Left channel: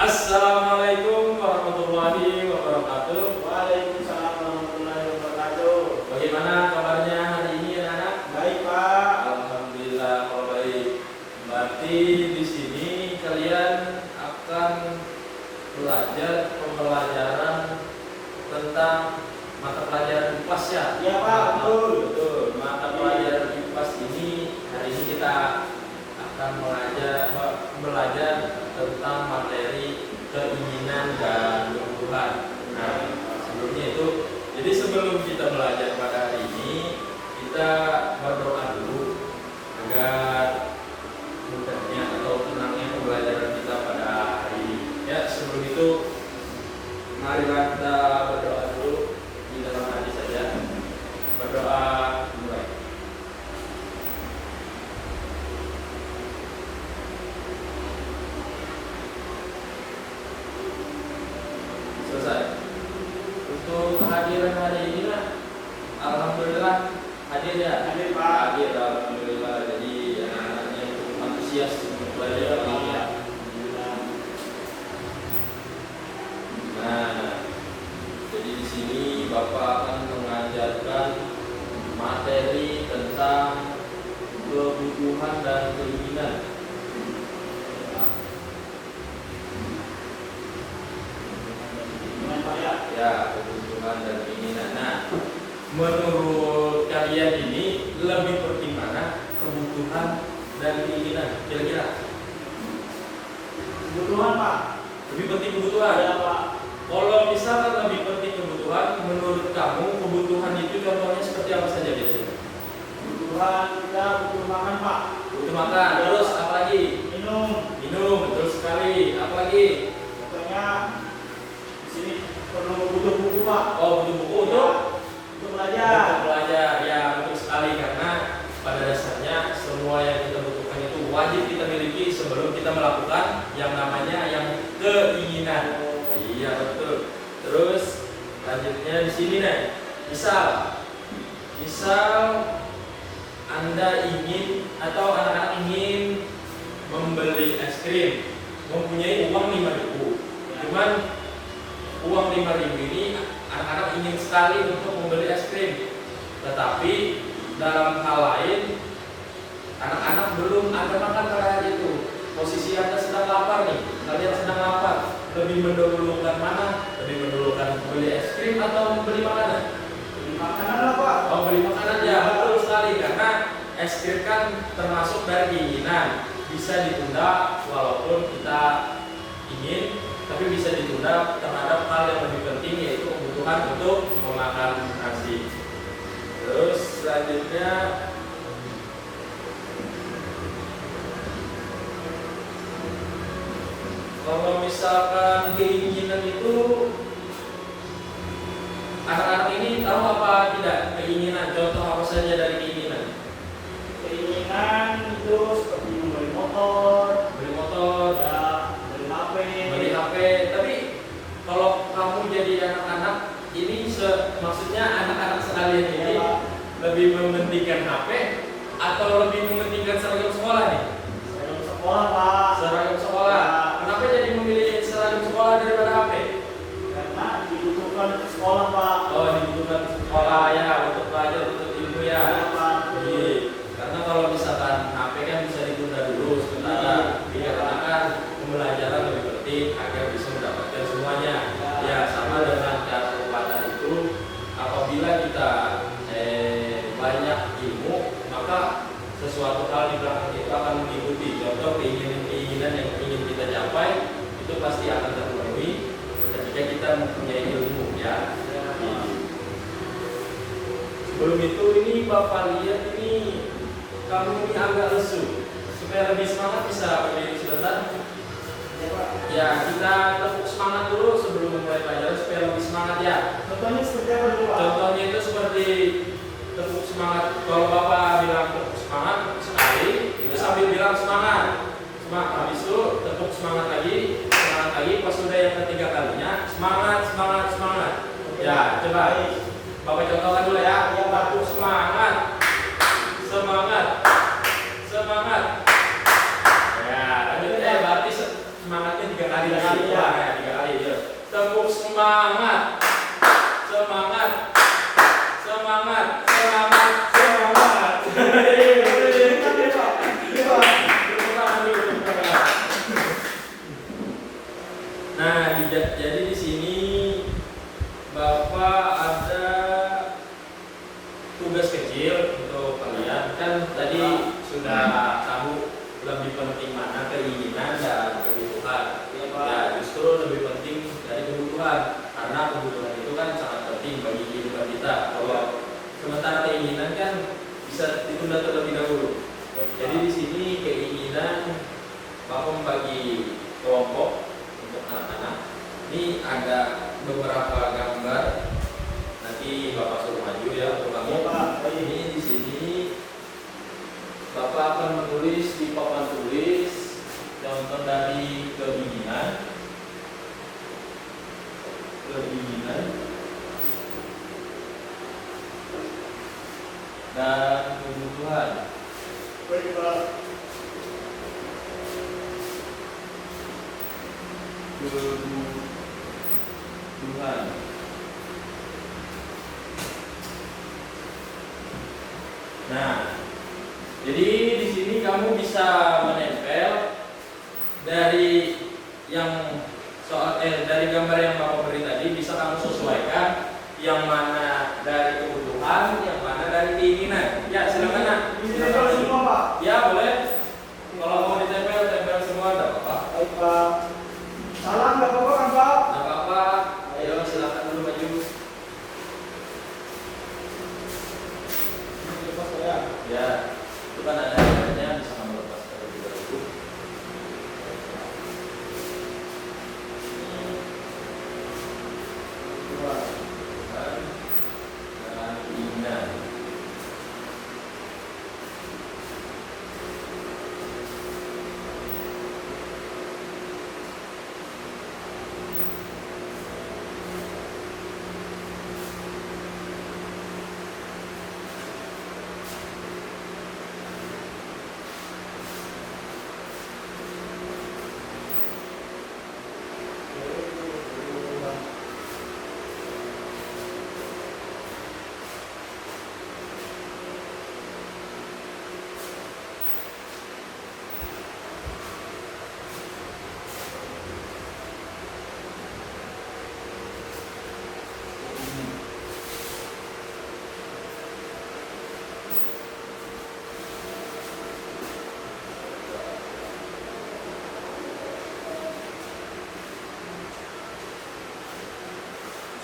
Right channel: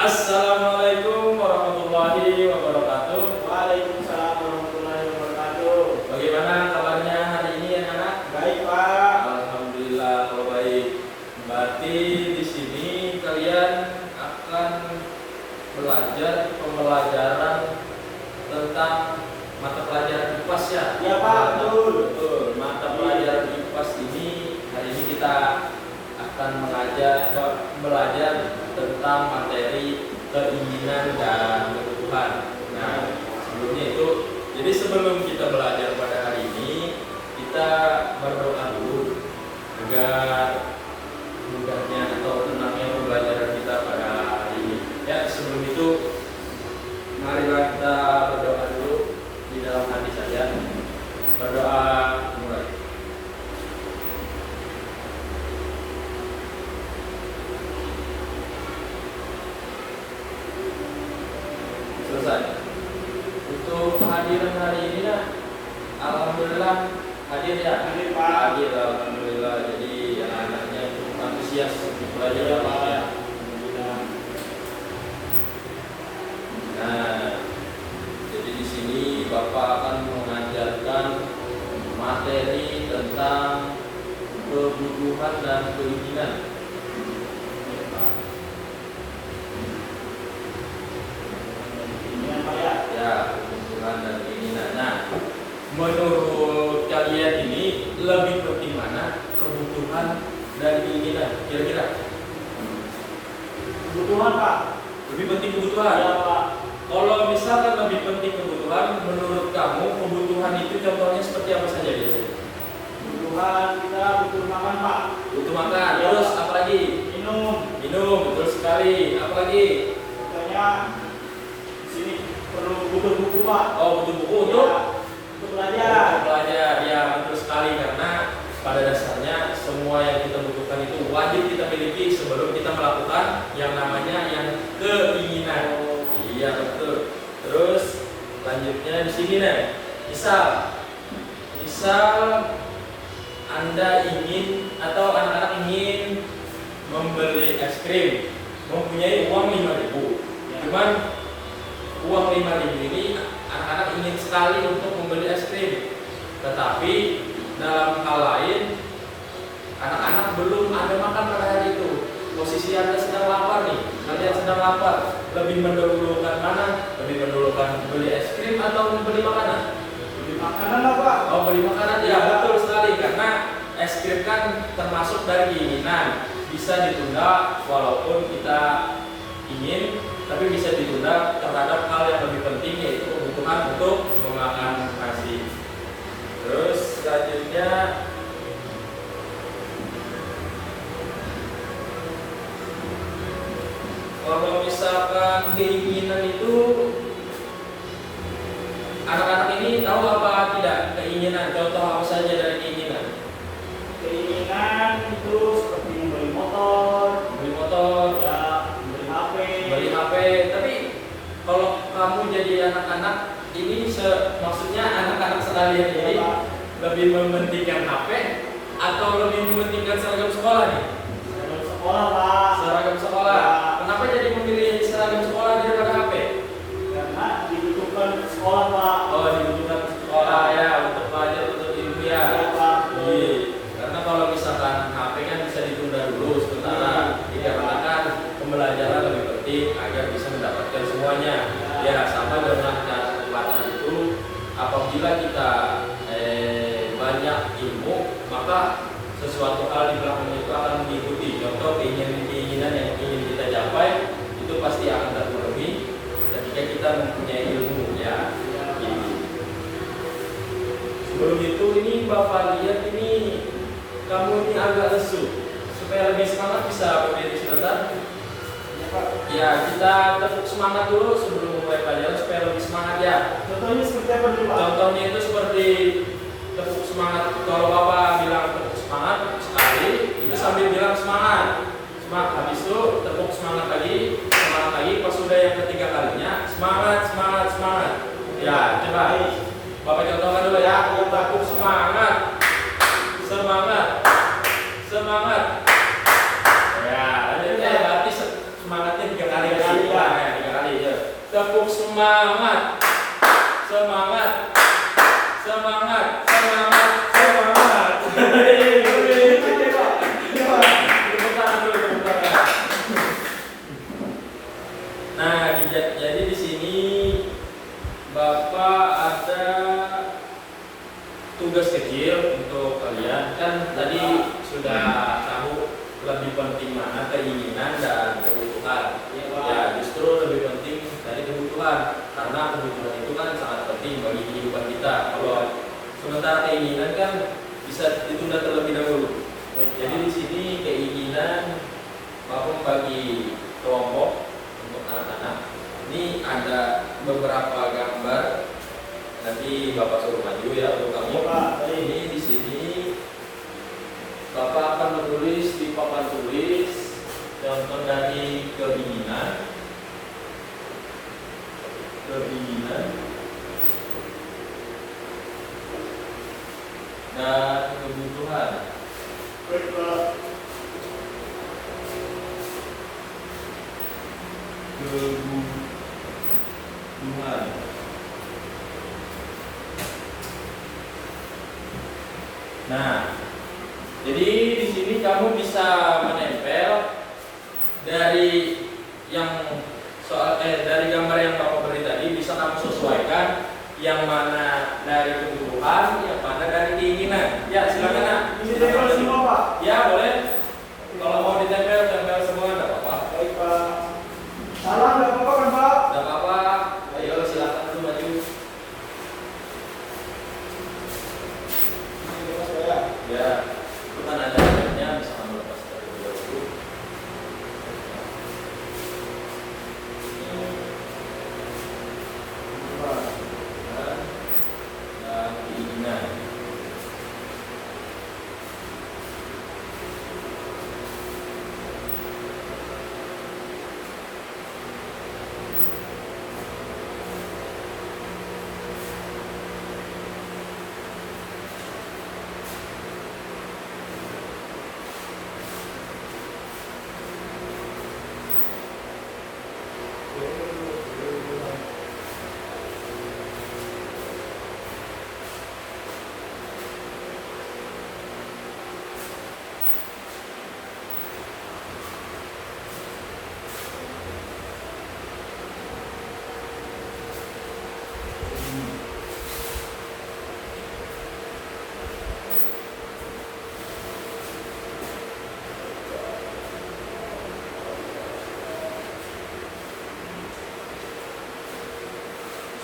Assalamualaikum warahmatullahi wabarakatuh. Waalaikumsalam warahmatullahi wabarakatuh. Bagaimana kabarnya hari ini anak-anak? Baik Pak. Alhamdulillah kalau baik. Berarti di sini kalian akan belajar pembelajaran tentang mata pelajaran IPAS ya? Ya Pak, betul. Betul. Mata pelajaran IPAS ini hari ini kita akan belajar tentang materi keinginan dan kebutuhan. Nah, sebelumnya itu, jadi sebelum kita belajar pada hari ini, kita berdoa dulu agar mudahnya atau tenangnya pembelajaran kita pada hari ini. Ya, sebelum itu, marilah kita berdoa dulu di dalam hati saja. Berdoa mulai. Selesai. Untuk kehadiran hari ini lah, alhamdulillah hadir ya. Hadir, Pak. Hadir, alhamdulillah. Jadi anak-anaknya cukup antusias untuk belajar ini ya. Nah, jadi di sini Bapak akan mengajarkan materi tentang kebutuhan dan keinginan. Dengan Pak ya. Ya, kebutuhan dan keinginan. Nah, menurut kalian ini lebih penting mana kebutuhan dan keinginan? Kira-kira Kebutuhan Pak. lebih penting kebutuhan. Ya Pak. Kalau misalkan lebih penting kebutuhan, menurut kamu kebutuhan itu contohnya seperti apa saja biasanya? Kebutuhan kita butuh makan Pak. Butuh makan, Ya. terus apa lagi? Minum. Minum, betul sekali. Apa lagi? Contohnya di sini perlu butuh buku Pak. Oh, butuh buku untuk Untuk belajar. belajar. Ya, betul sekali karena pada dasarnya semua yang kita butuhkan itu wajib kita miliki sebelum kita melakukan yang namanya yang keinginan. Iya, betul. Terus lanjutnya di sini nih. Misal Anda ingin atau anak-anak ingin membeli es krim, mempunyai uang 5.000. Ya. Cuman uang 5.000 ini anak-anak ingin sekali untuk membeli es krim. Tetapi dalam hal lain anak-anak belum ada makan pada hari itu. Posisi Anda sedang lapar nih, kalian sedang lapar. Lebih mendahulukan mana? Lebih mendahulukan beli es krim atau membeli makanan? Beli makanan lah Pak. Oh, beli makanan ya, betul sekali karena es krim kan termasuk dari keinginan. Bisa ditunda walaupun kita ingin, tapi bisa ditunda terhadap hal yang lebih penting yaitu kebutuhan untuk memakan nasi. Terus selanjutnya kalau misalkan keinginan itu anak-anak ini tahu apa tidak keinginan? Contoh apa saja dari keinginan? Keinginan itu seperti membeli motor, Ya, beli HP. beli HP. Tapi kalau kamu jadi anak-anak ini maksudnya anak-anak sekalian ini Ya, Pak. lebih mementingkan HP atau lebih mementingkan seragam sekolah nih? Seragam sekolah Pak. Seragam sekolah. Ya. Kenapa jadi memilih seragam sekolah daripada HP? Karena dibutuhkan sekolah Pak. Oh, dibutuhkan sekolah ya untuk belajar untuk ilmu ya. Ya, Pak. Iya. Karena kalau misalkan HP kan bisa ditunda dulu sementara, dikarenakan pembelajaran lebih penting agar bisa mendapatkan semuanya. Ya, sama dengan cara pepatah itu, apabila kita banyak ilmu, maka sesuatu hal di belakang itu akan mengikuti. Contoh keinginan yang ingin kita capai itu pasti akan terpenuhi ketika kita mempunyai ilmu ya. Sebelum itu ini Bapak lihat ini kamu ini agak lesu. Supaya lebih semangat bisa berdiri sebentar. Ya, Pak. Ya, kita tepuk semangat dulu sebelum mulai pelajaran supaya lebih semangat ya. Contohnya seperti apa dulu Pak? Contohnya itu seperti tepuk semangat. Kalau Bapak bilang tepuk semangat sekali, itu sambil bilang semangat. Semangat. Habis itu tepuk semangat lagi, pas sudah yang ketiga kalinya, semangat. Ya, coba. Bapak contohkan dulu ya. Tepuk semangat. Semangat. Ya, lanjut ya. Berarti semangatnya 3 kali lagi. kan tadi sudah tahu lebih penting mana keinginan dan kebutuhan. Ya, Pak. Ya, justru lebih penting dari kebutuhan karena kebutuhan itu kan sangat penting bagi kehidupan kita. Kalau sementara keinginan kan bisa ditunda terlebih dahulu. Jadi di sini keinginan Bapak membagi kelompok untuk anak-anak. Ini ada beberapa gambar. Nanti Bapak suruh maju ya untuk kamu. Ini di sini Bapak akan menulis di papan tulis contoh dari keinginan dan kebutuhan. Baik, Pak. Kebutuhan. Nah, jadi di sini kamu bisa menempel dari yang dari gambar yang Bapak beri tadi, bisa kamu sesuaikan yang mana dari kebutuhan, yang mana dari keinginan. Ya, silakan Nak. Ini ditempel semua, Pak. Ya, boleh. Kalau mau ditempel, tempel semua, tidak apa-apa. Baik, Pak. Salah nggak apa-apa kan, Pak? Tidak apa-apa. Ayo, silakan dulu maju. Ini lepas, Pak, ya. Ya, itu kan ada namanya, bisa kamu lepas terlebih dahulu. Dan keinginan.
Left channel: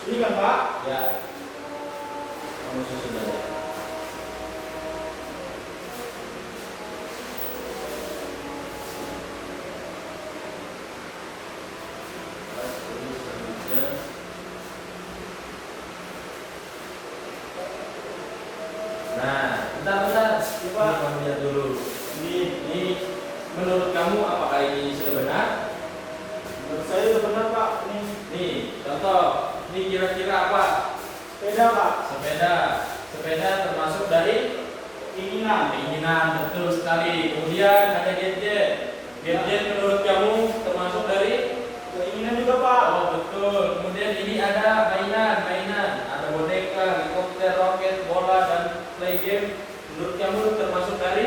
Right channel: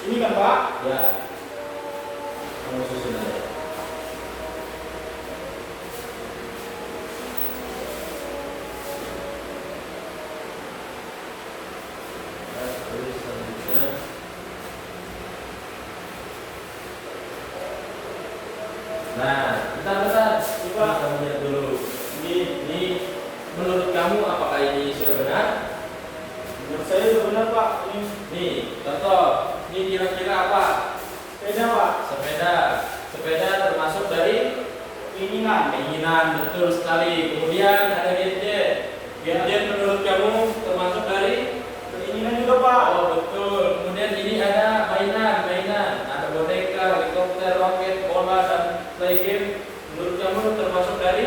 Ini kan, Pak? Ya, kamu susun aja. Terus selanjutnya. Nah, bentar. Coba kamu lihat dulu. Ini menurut kamu apakah ini sudah benar? Menurut saya itu benar, Pak. Ini Nih, contoh. Ini kira-kira apa? sepeda, Pak. Sepeda termasuk dari Keinginan. keinginan, betul sekali. Kemudian ada gadget. Gadget menurut kamu termasuk dari? Keinginan juga, Pak. Oh, betul. Kemudian ini ada mainan. Ada boneka, helikopter, roket, bola, dan play game. Menurut kamu termasuk dari?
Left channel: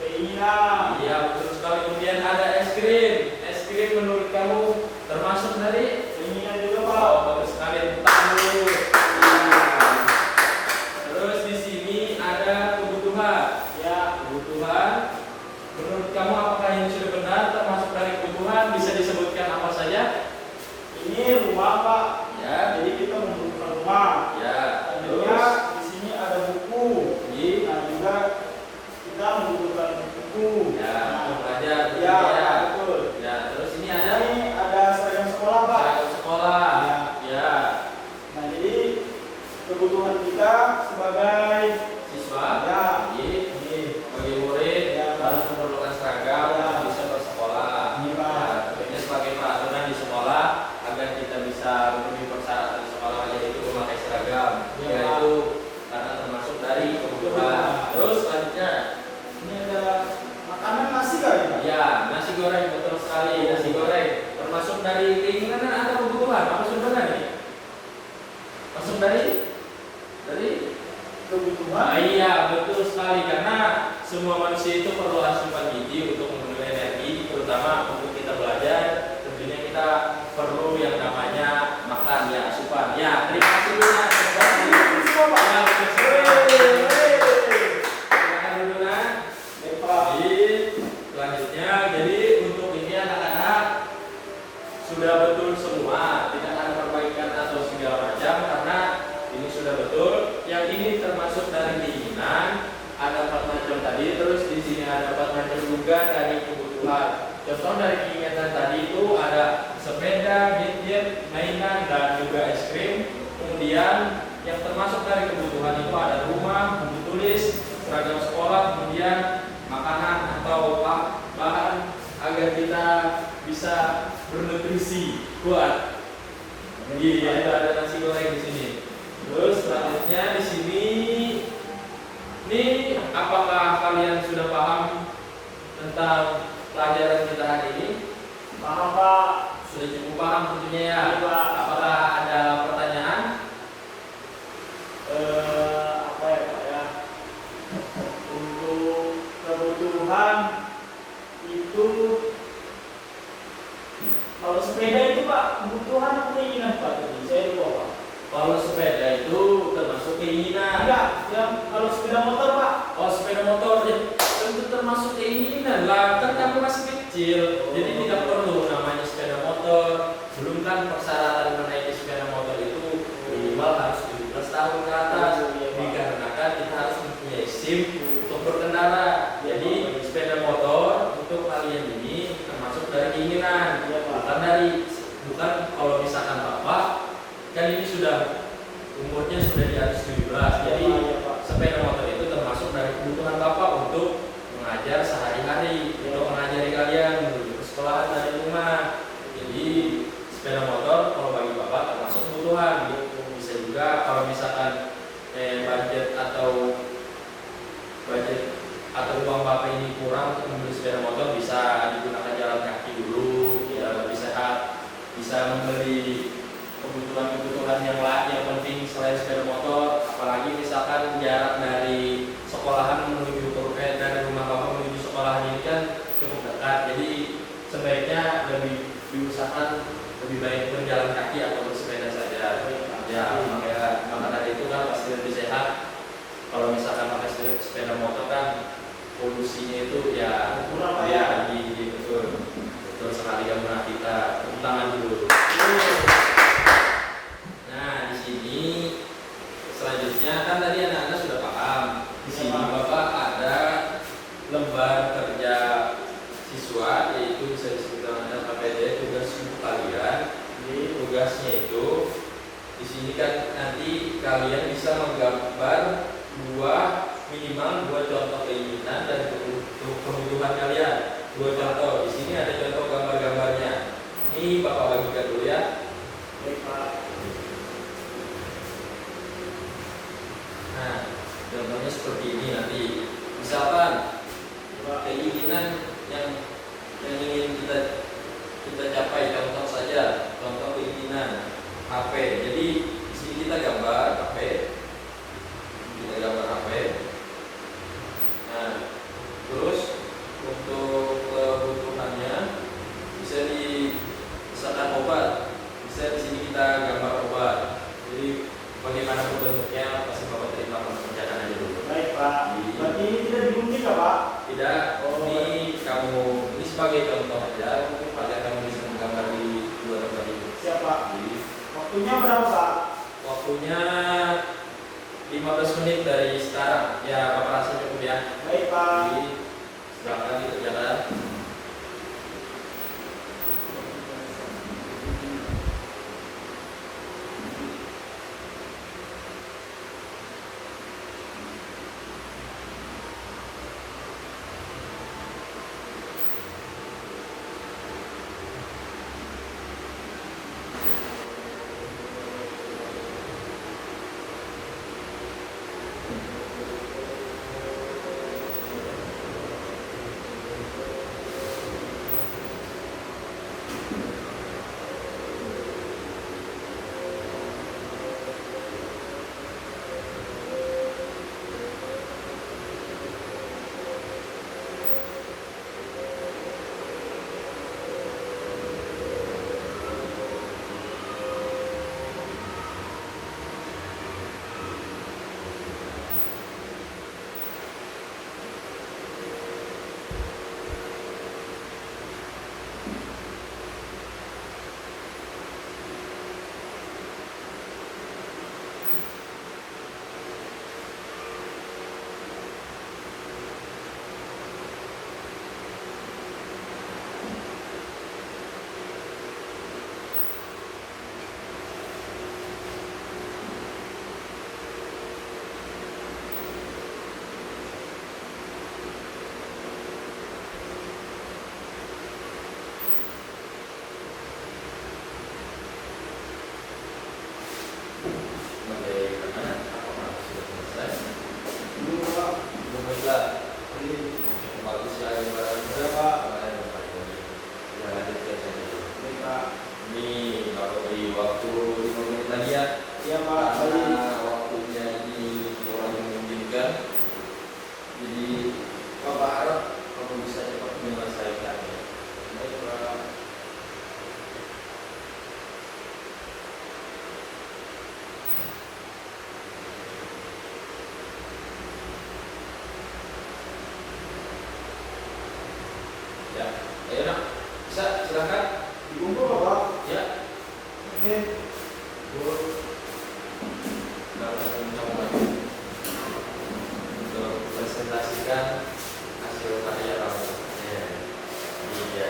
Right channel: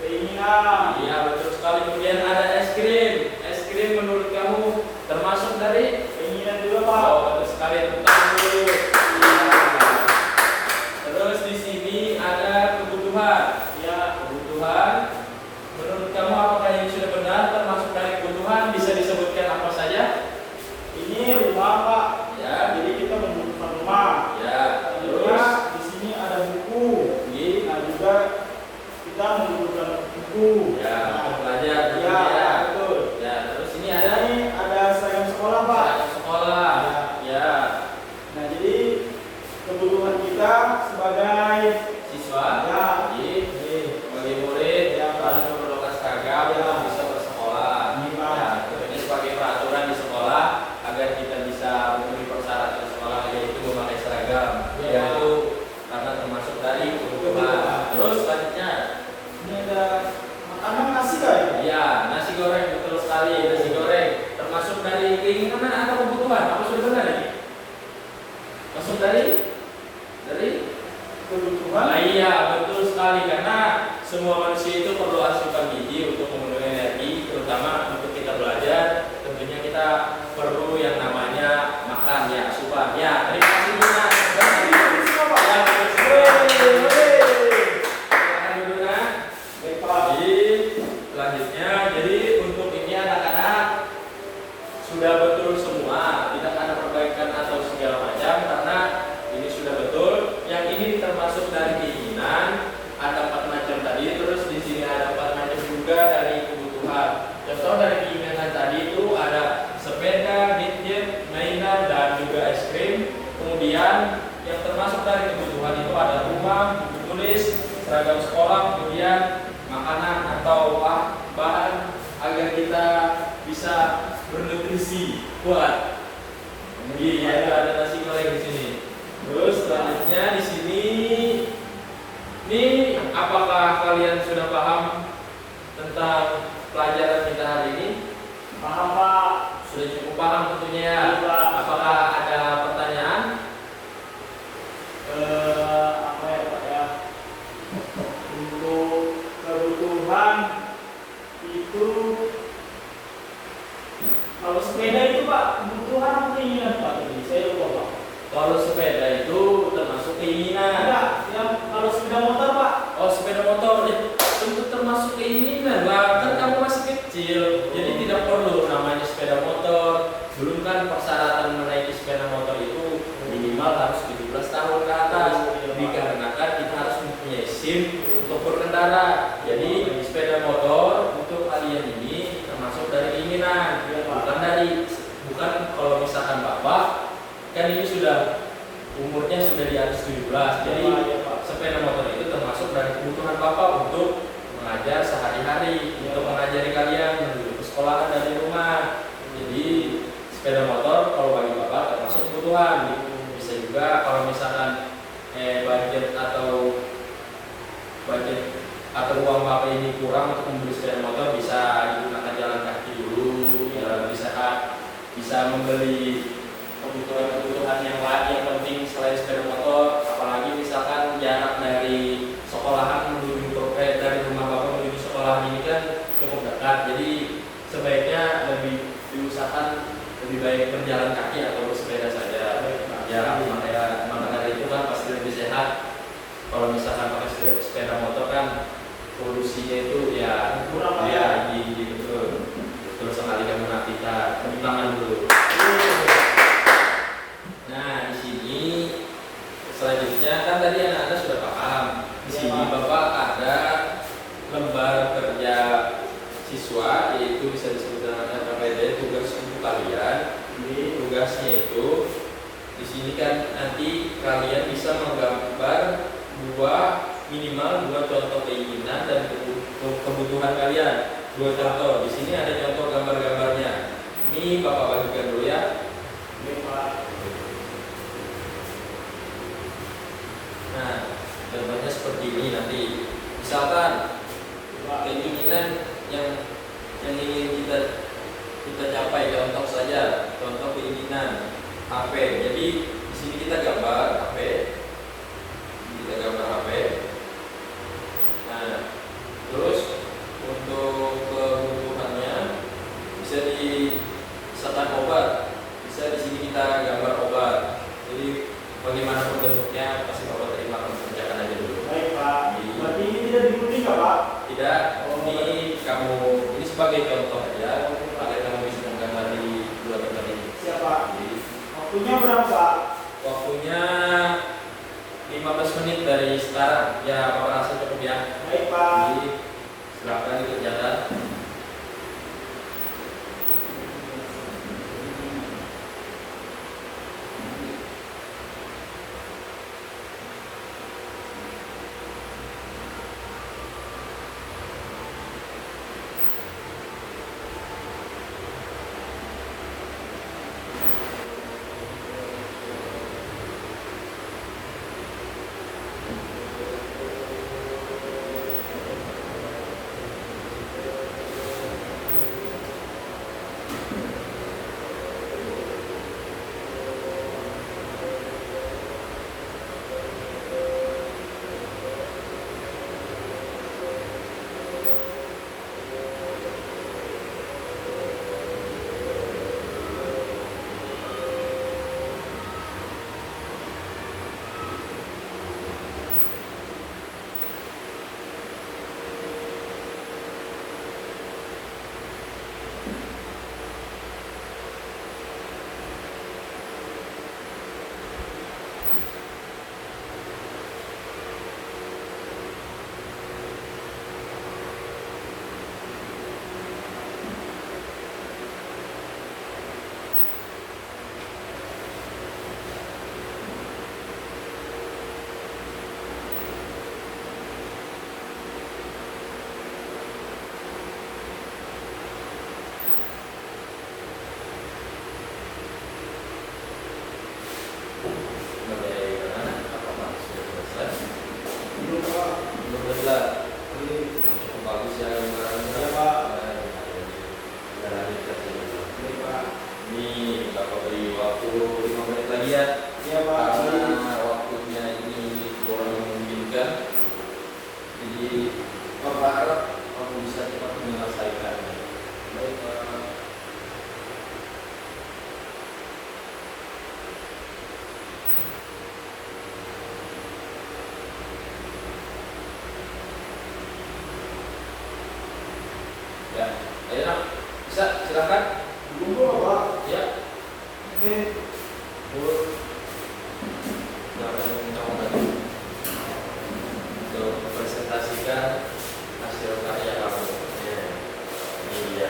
Keinginan. Iya, betul sekali. Kemudian ada es krim. Es krim menurut kamu termasuk dari? Keinginan juga, Pak. Oh, betul sekali. Tepuk dulu. Terus di sini ada kebutuhan. Ya, kebutuhan. Menurut kamu apakah ini sudah benar termasuk dari kebutuhan? Bisa disebutkan apa saja? Ini rumah, Pak. Ya, Jadi kita membutuhkan rumah. ya. Terus Terus di sini ada buku. ini Nah, juga kita membutuhkan buku. ya, Nah, untuk belajar. ya, Ya. betul. Ya, terus ini ada Ini ada seragam sekolah, Pak. seragam sekolah. Ya, Nah, jadi kebutuhan kita sebagai siswa. ya, Jadi sebagai murid Ya, harus memerlukan seragam Ya. bisa bersekolah. Ini, Pak. Ya, tentunya sebagai peraturan di sekolah agar kita bisa memenuhi persyaratan di sekolah yaitu memakai seragam. Ya. Yaitu karena termasuk dari kebutuhan. Terus selanjutnya, ini ada makanan nasi kali, Pak. ya nasi goreng, betul sekali. Nasi goreng termasuk dari keinginan atau kebutuhan. Apa sudah benar ini? Masuk dari Kebutuhan. Nah, iya, betul sekali karena semua manusia itu perlu asupan gizi untuk memenuhi energi, terutama untuk kita belajar. Tentunya kita perlu yang namanya makan, ya, asupan. Ya, terima kasih Luna. Ya, betul sekali. Silakan dulu, Nak. termasuk dari keinginan, ada 4 macam tadi. Terus di sini ada 4 macam juga dari kebutuhan. Contoh dari keinginan tadi itu ada sepeda, gadget, mainan, dan juga es krim. Kemudian yang termasuk dari kebutuhan itu ada rumah, buku tulis, seragam sekolah, kemudian makanan atau bahan agar kita bisa bernutrisi kuat. Iya, ada nasi goreng di sini. Terus selanjutnya di sini, ini apakah kalian sudah paham tentang pelajaran kita hari ini? Paham Pak? Sudah cukup paham tentunya ya. Iya, Pak. Apakah ada pertanyaan? Apa ya Pak ya? Untuk kebutuhan itu, kalau sepeda itu Pak, kebutuhan atau keinginan Pak? Jadi saya lupa Pak. Kalau sepeda itu termasuk keinginan. Enggak, yang kalau sepeda motor Pak. Oh, sepeda motor ya, tentu termasuk keinginan lah. Kan kamu masih kecil, jadi tidak perlu namanya sepeda motor. Belum kan persyaratan menaiki sepeda motor itu minimal harus 17 tahun ke atas. Dikarenakan kita harus mempunyai SIM untuk berkendara. Jadi sepeda motor untuk kalian ini termasuk dari keinginan, bukan kalau misalkan bapak kan ini sudah umurnya sudah di atas 17. Jadi sepeda motor itu termasuk dari kebutuhan bapak untuk mengajar sehari-hari, untuk mengajari kalian menuju ke sekolahan dari rumah. Jadi sepeda motor kalau bagi bapak termasuk kebutuhan. Bisa juga kalau misalkan budget atau uang bapak ini kurang untuk membeli sepeda motor, bisa digunakan jalan kaki dulu biar lebih sehat. Bisa membeli kebutuhan yang lain yang penting selain sepeda motor, apalagi misalkan jarak dari sekolahan dari rumah bapak menuju sekolahan ini kan cukup dekat. Jadi sebaiknya lebih diusahakan lebih baik berjalan kaki atau bersepeda saja. Ya, maka dari itu kan pasti lebih sehat. Kalau misalkan pakai sepeda motor kan polusinya itu ya tinggi, betul sekali kamu Nafita. Tepuk tangan dulu. Nah, di sini selanjutnya kan tadi anak-anak sudah paham. Di sini bapak ada lembar kerja siswa, yaitu bisa disebut dengan KPD, tugas untuk kalian. Jadi tugasnya itu di sini kan nanti kalian bisa menggambar minimal dua contoh keinginan dan kebutuhan kalian. 2 contoh. Di sini ada contoh gambar-gambarnya. Ini bapak bagikan dulu ya. Nah, contohnya seperti ini nanti. Misalkan keinginan yang ingin kita capai, contoh saja, contoh keinginan HP. Jadi di sini kita gambar HP. Nah, terus untuk kebutuhannya bisa misalkan obat. Bisa di sini kita gambar obat. Jadi bagaimanapun bentuknya pasti bapak terima, kamu kerjakan aja dulu. Baik Pak. Berarti ini tidak digunting ya Pak? Tidak. Ini sebagai contoh aja agar kamu bisa menggambar di 2 tempat ini. Siapa? Waktunya berapa Pak? Waktunya 15 menit dari sekarang. Ya, bapak rasa cukup ya. Baik Pak. Jadi silakan dikerjakan. diskusikan. Jadi Bapak harap kamu bisa cepat menyelesaikannya. Baik, Pak. Ya, ayo nak, bisa silakan. Tunggu, Pak. Ya, Oke. Bu. Dapat mencoba untuk presentasikan hasil karya kamu. Ya. Iya.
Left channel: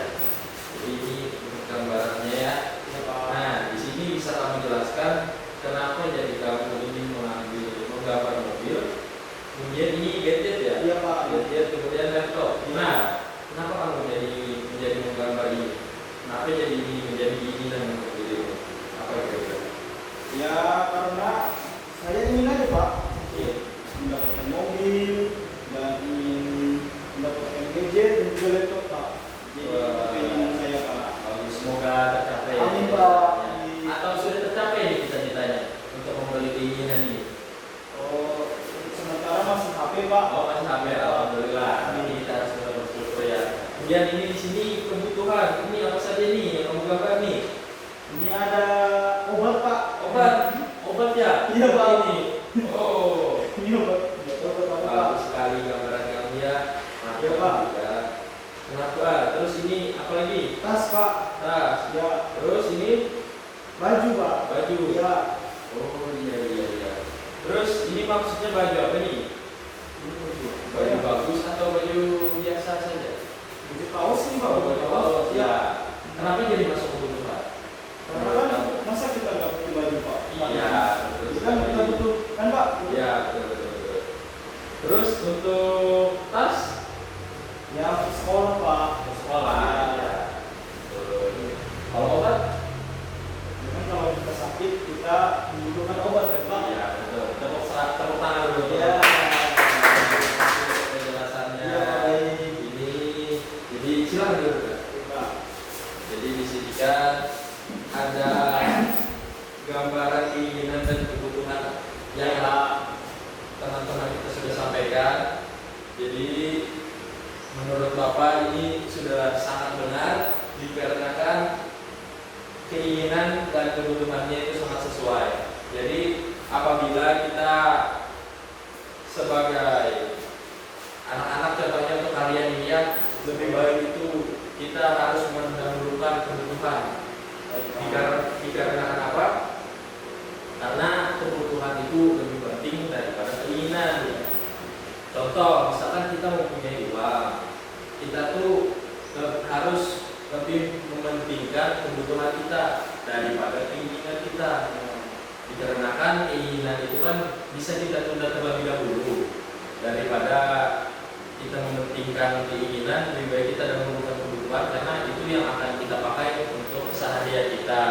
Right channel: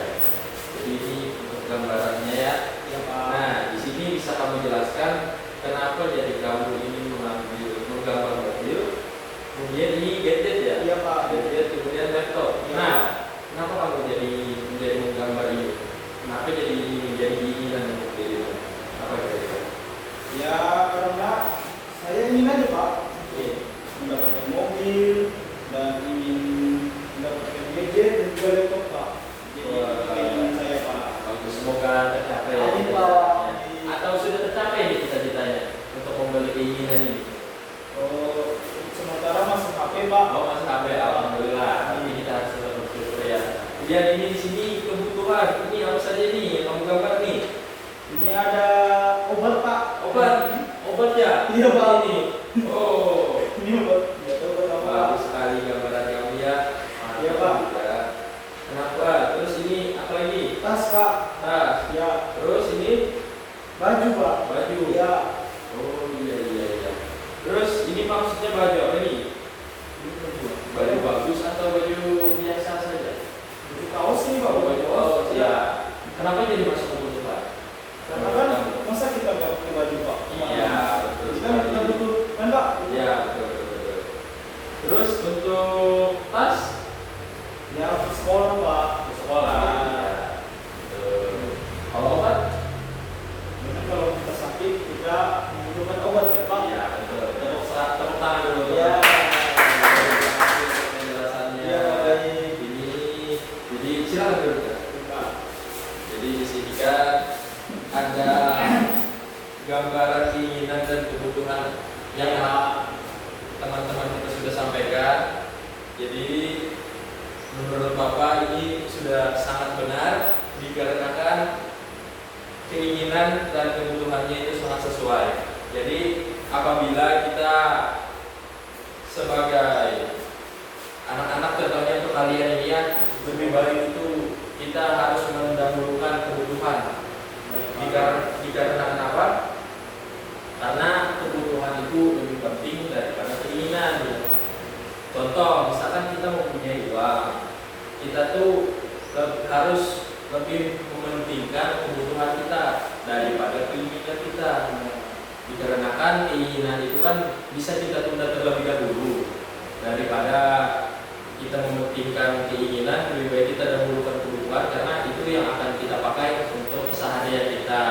Jadi ini untuk gambarannya ya. Ya, Pak. Nah, di sini bisa kamu jelaskan kenapa jadi kamu ingin menggambar mobil, kemudian di gadget ya. Iya, Pak. Gadget kemudian laptop. Iya. Nah, kenapa kamu menjadi menggambar ini? Kenapa jadi menjadi keinginan untuk itu? Apa kira-kira? Ya, karena saya ingin aja, Pak, Iya. mendapatkan mobil dan ingin mendapatkan gadget dan juga laptop, Pak. Jadi Wah. keinginan saya, Pak. Semoga tercapai. Amin, Pak. Atau sudah tercapai nih cita-citanya untuk membeli keinginan ini? Oh, sementara masih HP, Pak. Oh, masih HP, alhamdulillah. Ini kita harus bersyukur ya. Kemudian ini di sini kebutuhan. Ini apa saja nih yang kamu gambar nih? Ini ada obat, Pak. Obat ya? Iya, Pak. Ini. Oh, Ini obat. Obat apa, Pak? bagus sekali gambaran kamu ya. Mantap Iya, Pak. juga. Kenapa? Terus ini apa ini? Tas, Pak. Tas. Ya, Terus ini baju, Pak. baju. Ya, Oh iya. Terus ini maksudnya baju apa nih? ini baju. Baju bagus atau baju biasa saja? Baju kaos nih, Pak. Oh, baju kaos ya. Kenapa jadi masuk kebutuhan? Karena kan masa kita nggak pakai baju, Pak? Iya, betul. Kita kita butuh, kan, Pak? Iya, betul. Terus untuk tas Ya, untuk sekolah, Pak. sekolah. Ya, betul. Kalau obat? Jadi kalau kita sakit, kita membutuhkan obat, kan, Pak? Iya, betul. Tepuk tangan dulu. Ya. Untuk penjelasannya. Ya, baik. Ini, jadi silakan dulu. Kita. Jadi di sini kan ada gambaran keinginan dan kebutuhan yang teman-teman kita sudah sampaikan. Jadi menurut Bapak ini sudah sangat benar dikarenakan keinginan dan kebutuhannya itu sangat sesuai. Jadi apabila kita sebagai anak-anak, contohnya untuk kalian ini ya, lebih baik itu kita harus mendahulukan kebutuhan. Dikarenakan apa? Karena kebutuhan itu lebih penting daripada keinginan ya. Contoh, misalkan kita mempunyai uang, kita tuh harus lebih mementingkan kebutuhan kita daripada keinginan kita. Dikarenakan keinginan itu kan bisa kita tunda terlebih dahulu. Daripada kita mementingkan keinginan, lebih baik kita dahulukan kebutuhan karena itu yang akan kita pakai untuk keseharian kita.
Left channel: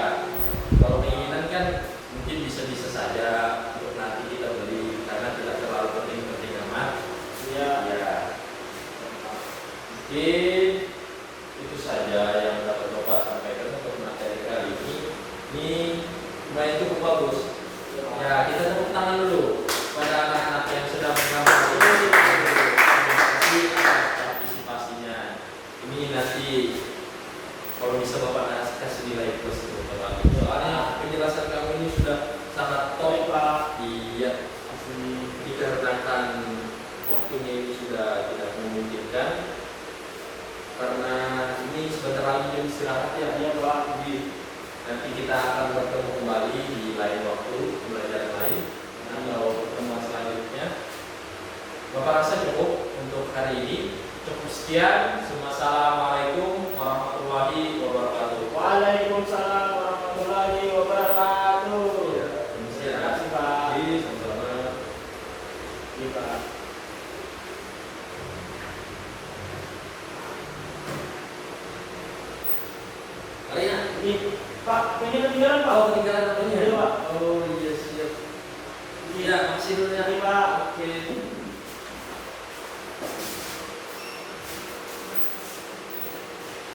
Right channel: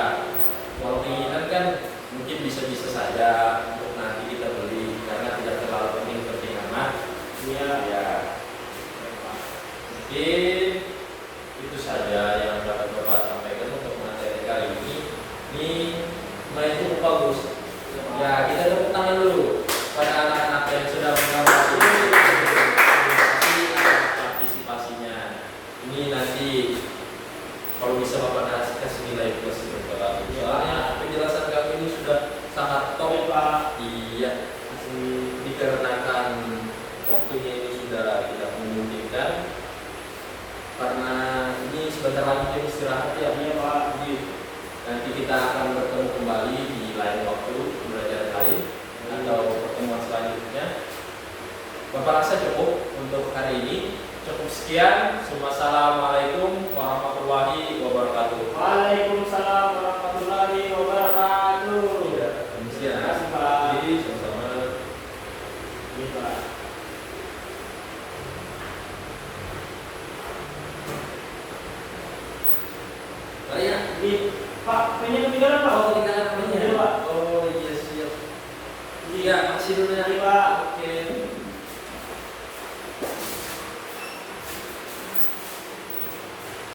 Kalau keinginan kan mungkin bisa-bisa saja untuk nanti kita beli karena tidak terlalu penting-penting amat. Iya. Ya, mungkin itu saja yang dapat Bapak sampaikan untuk materi kali ini. Ini lumayan cukup bagus. Ya, kita tepuk tangan dulu pada anak-anak yang sudah menggambar ini. Atas partisipasinya. Ini nanti kalau bisa Bapak kasih nilai plus untuk Bapak. Soalnya penjelasan kamu ini sudah sangat top, Pak. Iya. Dikarenakan waktunya ini sudah tidak memungkinkan karena ini sebentar lagi jam istirahat ya. Iya, Pak. Jadi, nanti kita akan bertemu kembali di lain waktu belajar lain atau pertemuan selanjutnya. Bapak rasa cukup untuk hari ini. Cukup sekian. Wassalamualaikum warahmatullahi wabarakatuh. Waalaikumsalam warahmatullahi wabarakatuh. Ya, permisi ya. Terima kasih, Pak. Jadi, sama-sama. Iya, Pak. Mari ya. Ini, Pak, pengen ketinggalan, Pak. Oh, ketinggalan apanya? Iya, Pak. Oh iya siap. Iya, makasih dulu ya. Iya, Pak. Oke.